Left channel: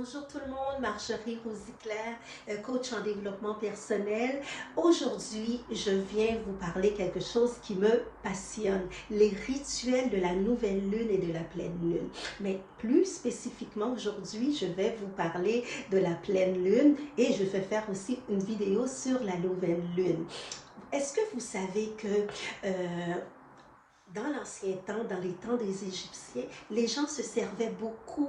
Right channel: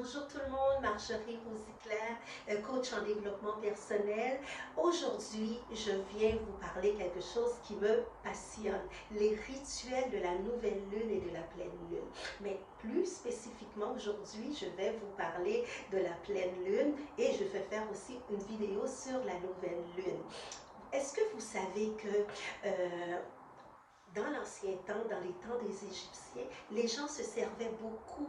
Bonjour tout le monde, Marjorie Rosiclair, coach en développement personnel. Aujourd'hui, je viens vous parler quelque chose qui me passionne, les rituels de la nouvelle lune et de la pleine lune. Mais plus spécifiquement aujourd'hui, je vais vous parler de la pleine lune et je vais faire aussi une vidéo sur la nouvelle lune. Est-ce que vous savez que dans l'ancien temps, dans les temps des Égyptiens, les gens se servaient beaucoup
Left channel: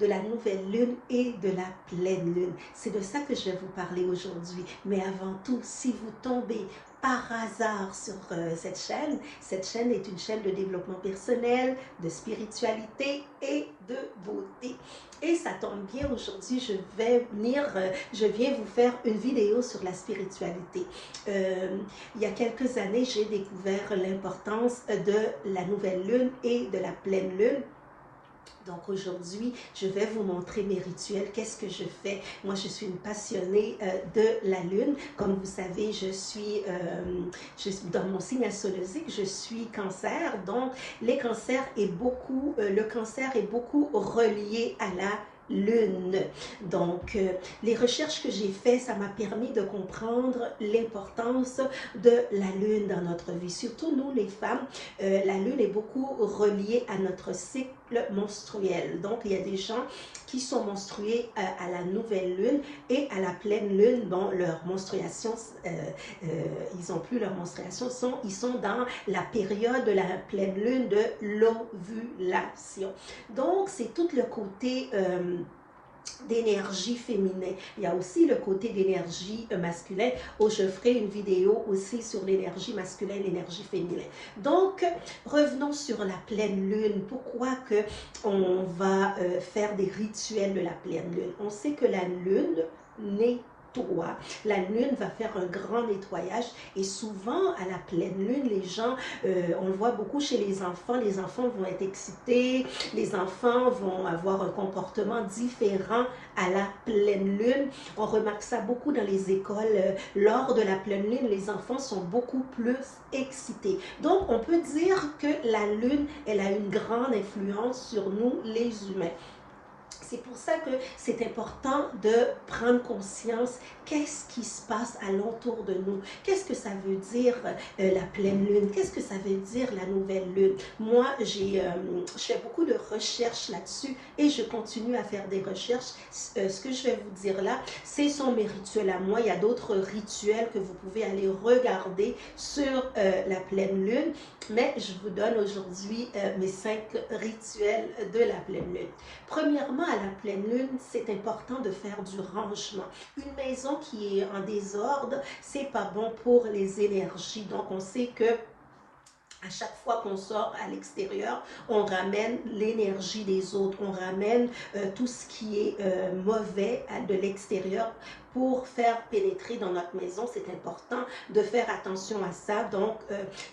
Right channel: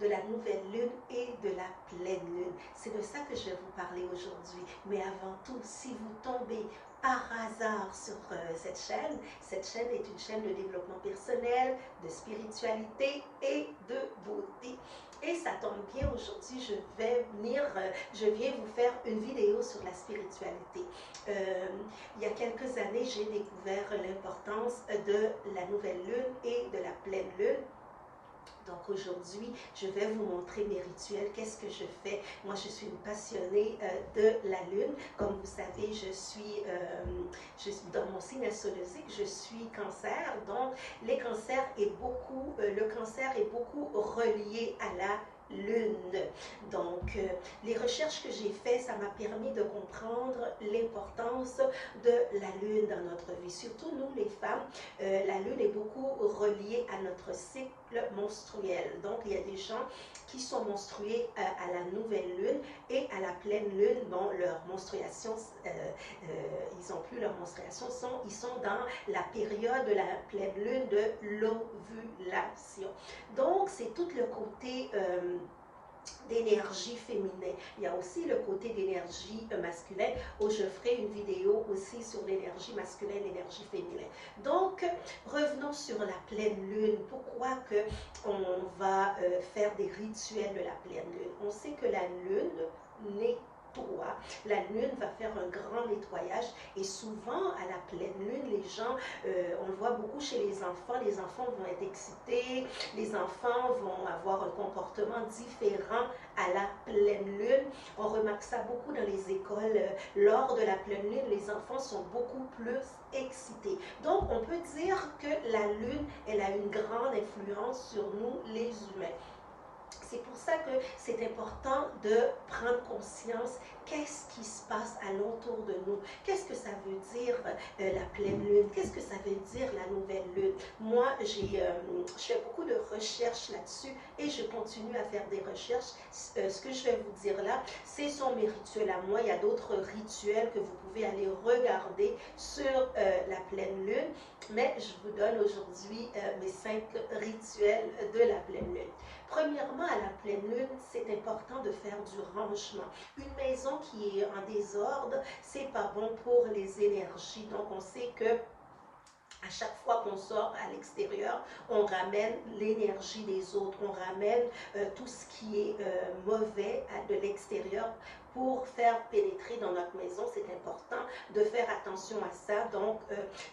de la nouvelle lune et de la pleine lune. C'est de ça que je vais vous parler aujourd'hui. Mais avant tout, si vous tombez par hasard sur cette chaîne est une chaîne de développement personnel, de spiritualité et de beauté. Et ça tombe bien, aujourd'hui, je viens vous faire une vidéo sur la spiritualité. Il y a quelques années, j'ai découvert l'importance de la nouvelle lune et de la pleine lune. Donc aujourd'hui, je vais vous montrer mes rituels, qu'est-ce que je fais. Moi, je suis une passionnée de la lune. Comme vous savez, je suis dans mon signe astrologique, je suis cancer. Donc, le cancer est beaucoup relié à la lune. Donc, les recherches que j'ai faites, ça m'a permis de comprendre l'importance de la lune dans notre vie. Surtout nous, les femmes, la lune est beaucoup reliée à notre cycle menstruel. Donc, il y a des gens qui sont menstrués à la nouvelle lune et à la pleine lune. Bon, leur menstruation, ils n'ont plus leur menstruation, ils sont dans la période de la pleine lune de l'ovulation. Donc, c'est tout le côté d'énergie féminin. Il y a aussi le côté d'énergie masculine où je ferai une vidéo aussi sur l'énergie masculine, l'énergie féminine. Donc, revenons sur la pleine lune. Pourquoi que on va faire des rituels de la pleine lune? On sait que la lune nettoie. La lune va faire un grand nettoyage et souvent à la pleine lune, les gens, on le voit beaucoup chez les enfants vont être excités, les enfants vont avoir un comportement différent à la pleine lune. On remarque ça beaucoup dans les écoles. Lors de la pleine lune, les enfants sont beaucoup plus excités. Donc, on peut dire que la lune, elle a une grande influence sur nous, les humains. C'est pour ça que c'est important de prendre conscience qu'est-ce qui se passe alentour de nous. Qu'est-ce que ça veut dire la pleine lune? Qu'est-ce que ça veut dire la nouvelle lune? Moi, je fais beaucoup de recherches là-dessus et je continue à faire des recherches. Ce que je vais vous dire là, ce sont mes rituels à moi. Il y a d'autres rituels que vous pouvez aller regarder sur la pleine lune, mais je vous donne aujourd'hui mes 5 rituels de la pleine lune. Premièrement, à la pleine lune, c'est important de faire du rangement. Une maison qui est en désordre, c'est pas bon pour les énergies. Donc, on sait que à chaque fois qu'on sort à l'extérieur, on ramène l'énergie des autres, on ramène tout ce qui est mauvais de l'extérieur pour faire pénétrer dans notre maison. C'est important de faire attention à ça, donc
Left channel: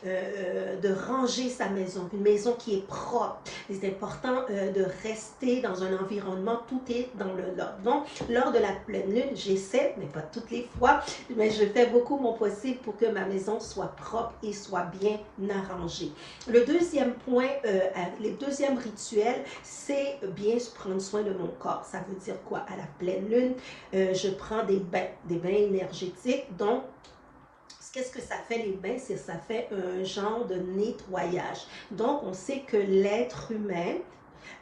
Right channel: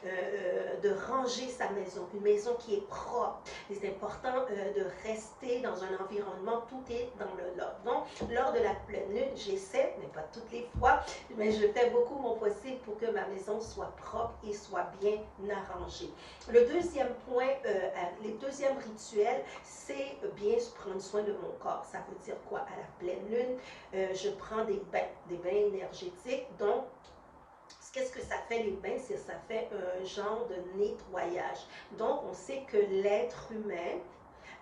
de ranger sa maison, une maison qui est propre. C'est important de rester dans un environnement, tout est dans le lot. Donc, lors de la pleine lune, j'essaie, mais pas toutes les fois, mais je fais beaucoup mon possible pour que ma maison soit propre et soit bien arrangée. Le deuxième point, le deuxième rituel, c'est bien prendre soin de mon corps. Ça veut dire quoi? À la pleine lune, je prends des bains énergétiques. Donc, qu'est-ce que ça fait les bains? Ça fait un genre de nettoyage. Donc, on sait que l'être humain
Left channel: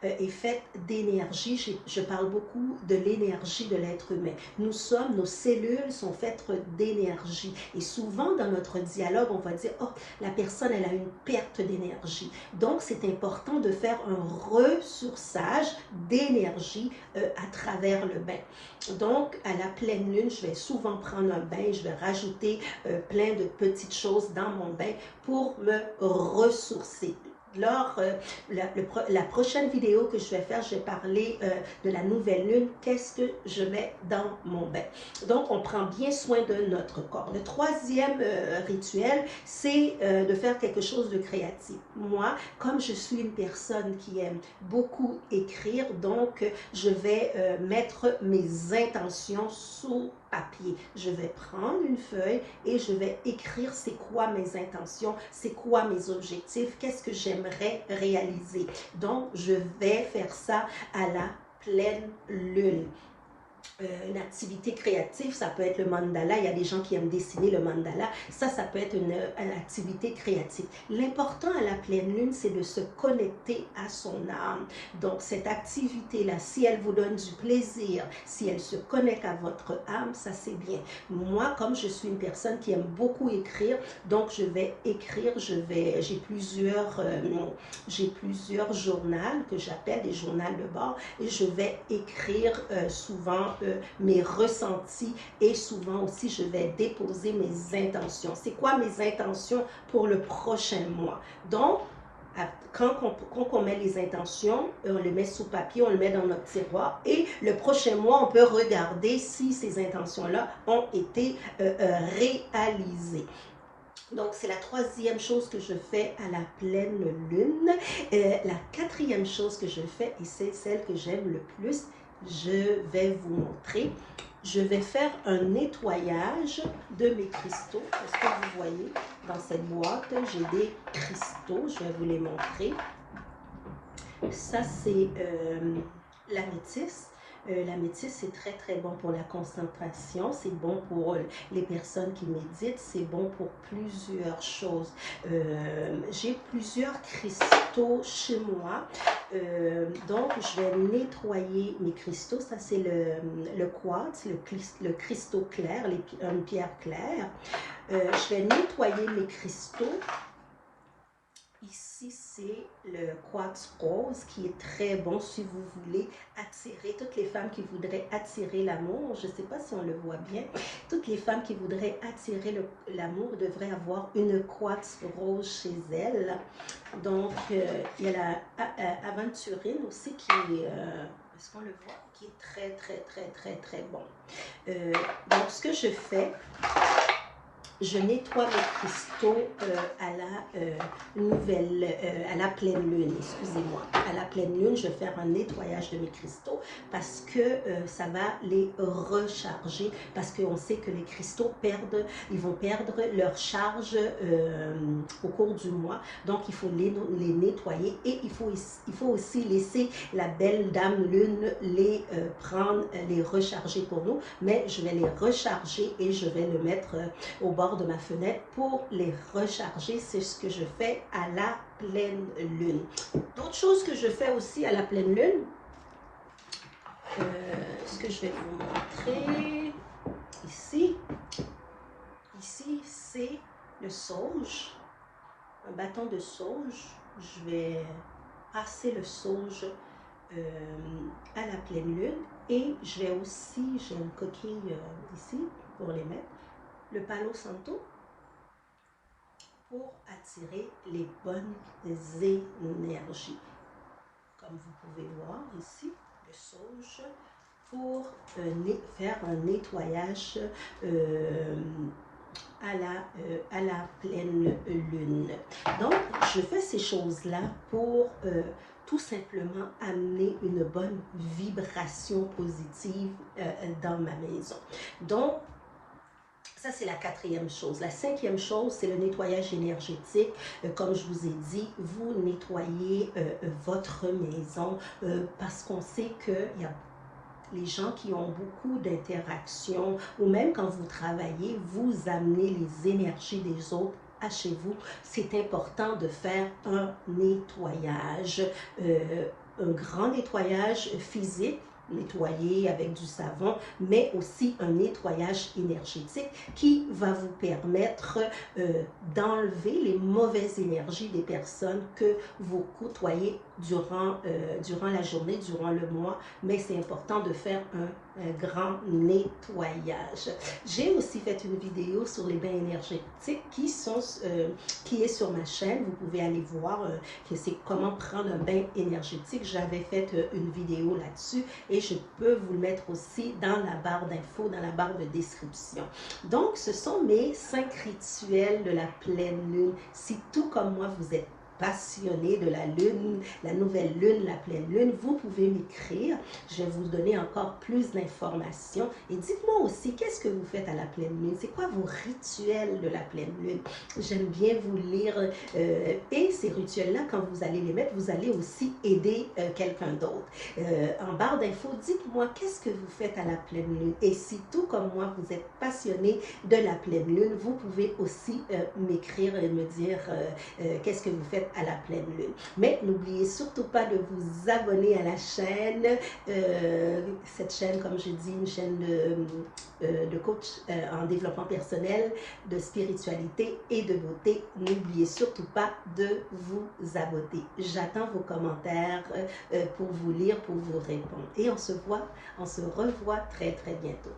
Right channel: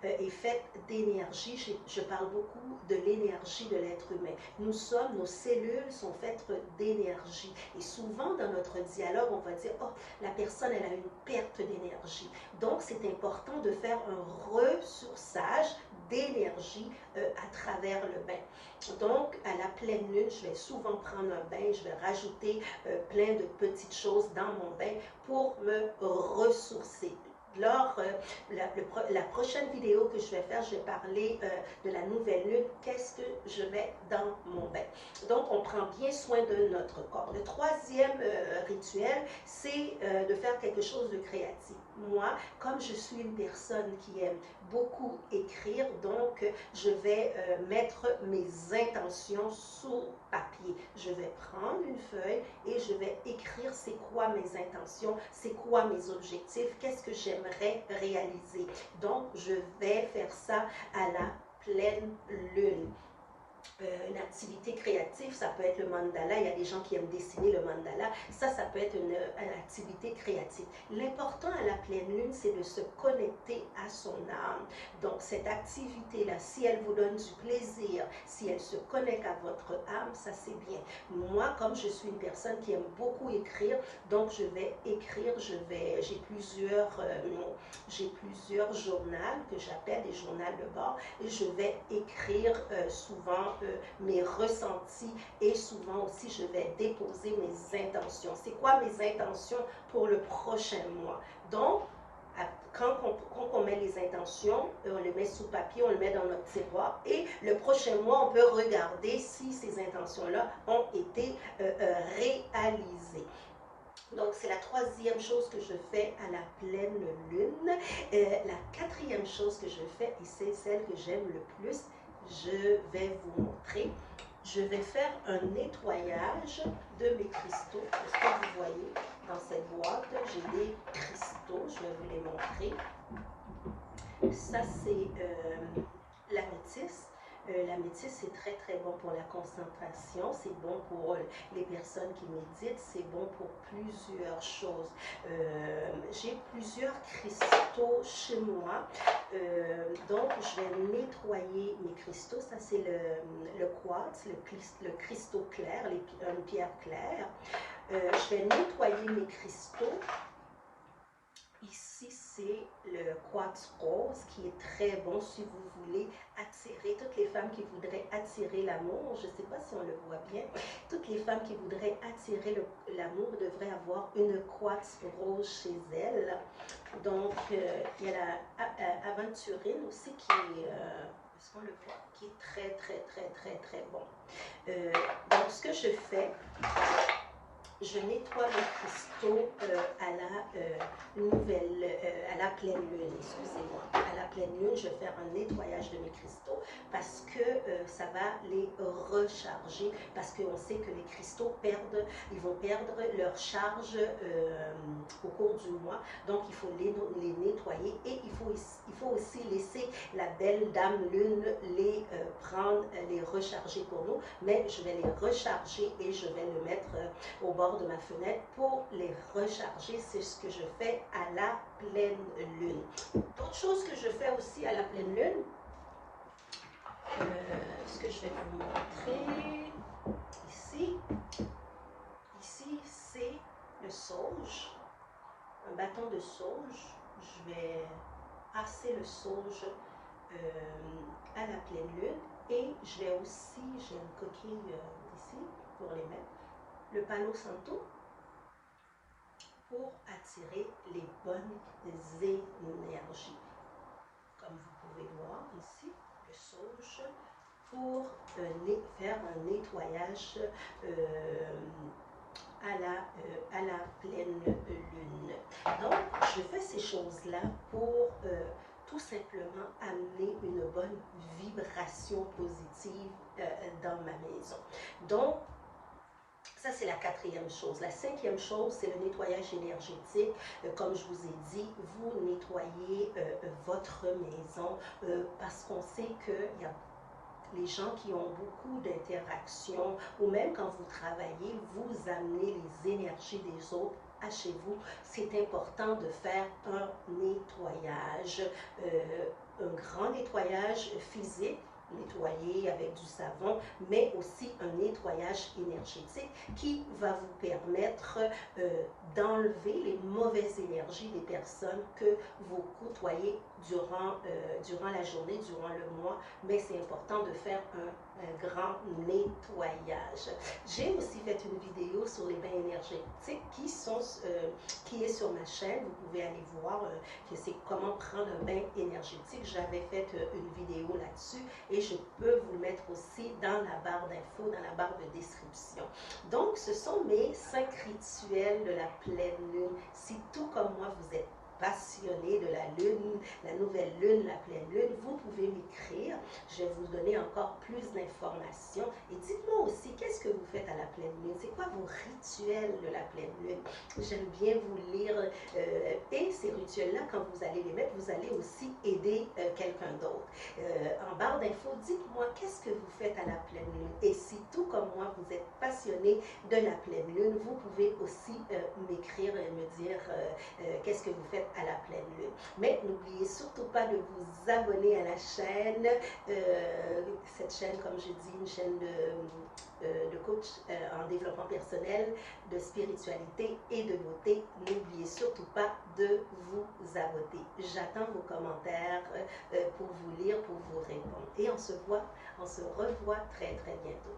est faite d'énergie. Je parle beaucoup de l'énergie de l'être humain. Nos cellules sont faites d'énergie. Et souvent, dans notre dialogue, on va dire, oh, la personne, elle a une perte d'énergie. Donc, c'est important de faire un ressourçage d'énergie à travers le bain. Donc, à la pleine lune, je vais souvent prendre un bain, je vais rajouter plein de petites choses dans mon bain pour me ressourcer. Lors la prochaine vidéo que je vais faire, je vais parler de la nouvelle lune, qu'est-ce que je mets dans mon bain. Donc, on prend bien soin de notre corps. Le troisième rituel, c'est de faire quelque chose de créatif. Moi, comme je suis une personne qui aime beaucoup écrire, donc je vais mettre mes intentions sur papier. Je vais prendre une feuille et je vais écrire c'est quoi mes intentions, c'est quoi mes objectifs, qu'est-ce que j'aimerais réaliser. Donc, je vais faire ça à la pleine lune. Une activité créative, ça peut être le mandala. Il y a des gens qui aiment dessiner le mandala. Ça peut être une activité créative. L'important à la pleine lune, c'est de se connecter à son âme. Donc, cette activité-là, si elle vous donne du plaisir, si elle se connecte à votre âme, ça c'est bien. Moi, comme je suis une personne qui aime beaucoup écrire, donc je vais écrire, j'ai plusieurs journaux que j'appelle des journaux de bord et je vais écrire souvent mes ressentis et souvent aussi je vais déposer mes intentions. C'est quoi mes intentions pour le prochain mois? Donc, quand on met les intentions, on le met sous papier, on le met dans notre tiroir et le prochain mois, on peut regarder si ces intentions-là ont été réalisées. Donc, c'est la troisième chose que je fais à la pleine lune. La quatrième chose que je fais, et c'est celle que j'aime le plus, je vais vous montrer. Je vais faire un nettoyage de mes cristaux. Est-ce que vous voyez dans cette boîte, j'ai des cristaux. Je vais vous les montrer. Ça, c'est l'améthyste. L'améthyste, c'est très, très bon pour la concentration. C'est bon pour les personnes qui méditent. C'est bon pour plusieurs choses. J'ai plusieurs cristaux chez moi. Donc, je vais nettoyer mes cristaux. Ça, c'est le quartz, le cristaux clair, une pierre claire. Je vais nettoyer mes cristaux. Ici, c'est le quartz rose qui est très bon si vous voulez attirer, toutes les femmes qui voudraient attirer l'amour, je ne sais pas si on le voit bien, toutes les femmes qui voudraient attirer l'amour devraient avoir une quartz rose chez elles. Donc, il y a la aventurine aussi qui est, est-ce qu'on le voit, qui est très, très, très, très, très bon. Donc, ce que je fais, je nettoie mes cristaux à la pleine lune, excusez-moi. À la pleine lune, je vais faire un nettoyage de mes cristaux parce que ça va les recharger, parce qu'on sait que les cristaux ils vont perdre leur charge au cours du mois. Donc, il faut les nettoyer et il faut aussi laisser la belle dame lune les prendre, les recharger pour nous. Mais je vais les recharger et je vais le mettre au bord de ma fenêtre pour les recharger. C'est ce que je fais à la pleine lune. D'autres choses que je fais aussi à la pleine lune, ce que je vais vous montrer ici, c'est le sauge, un bâton de sauge. Je vais passer le sauge à la pleine lune et je vais aussi, j'ai une coquille ici pour les mettre, le Palo Santo pour attirer les bonnes énergies. Comme vous pouvez voir ici, le sauge pour faire un nettoyage à la pleine lune. Donc, je fais ces choses-là pour tout simplement amener une bonne vibration positive dans ma maison. Donc, ça, c'est la quatrième chose. La cinquième chose, c'est le nettoyage énergétique. Comme je vous ai dit, vous nettoyez votre maison parce qu'on sait qu'il y a les gens qui ont beaucoup d'interactions ou même quand vous travaillez, vous amenez les énergies des autres à chez vous. C'est important de faire un nettoyage, un grand nettoyage physique, nettoyer avec du savon, mais aussi un nettoyage énergétique qui va vous permettre d'enlever les mauvaises énergies des personnes que vous côtoyez durant la journée, durant le mois, mais c'est important de faire un grand nettoyage. J'ai aussi fait une vidéo sur les bains énergétiques qui est sur ma chaîne. Vous pouvez aller voir que c'est comment prendre un bain énergétique. J'avais fait une vidéo là-dessus et je peux vous le mettre aussi dans la barre d'infos, dans la barre de description. Donc, ce sont mes 5 rituels de la pleine lune. Si tout comme moi, vous êtes passionné de la lune, la nouvelle lune, la pleine lune, vous pouvez m'écrire. Je vais vous donner encore plus d'informations. Et dites-moi aussi, qu'est-ce que vous faites à la pleine lune? C'est quoi vos rituels de la pleine lune? J'aime bien vous lire. Et ces rituels-là, quand vous allez les mettre, vous allez aussi aider quelqu'un d'autre. En barre d'infos, dites-moi, qu'est-ce que vous faites à la pleine lune? Et si tout comme moi, vous êtes passionné de la pleine lune, vous pouvez aussi m'écrire et me dire qu'est-ce que vous faites à la pleine lune. Mais n'oubliez surtout pas de vous abonner à la chaîne. Cette chaîne, comme je dis, une chaîne de coach en développement personnel, de spiritualité et de beauté. N'oubliez surtout pas de vous abonner. J'attends vos commentaires pour vous lire, pour vous répondre. Et on se revoit très très bientôt.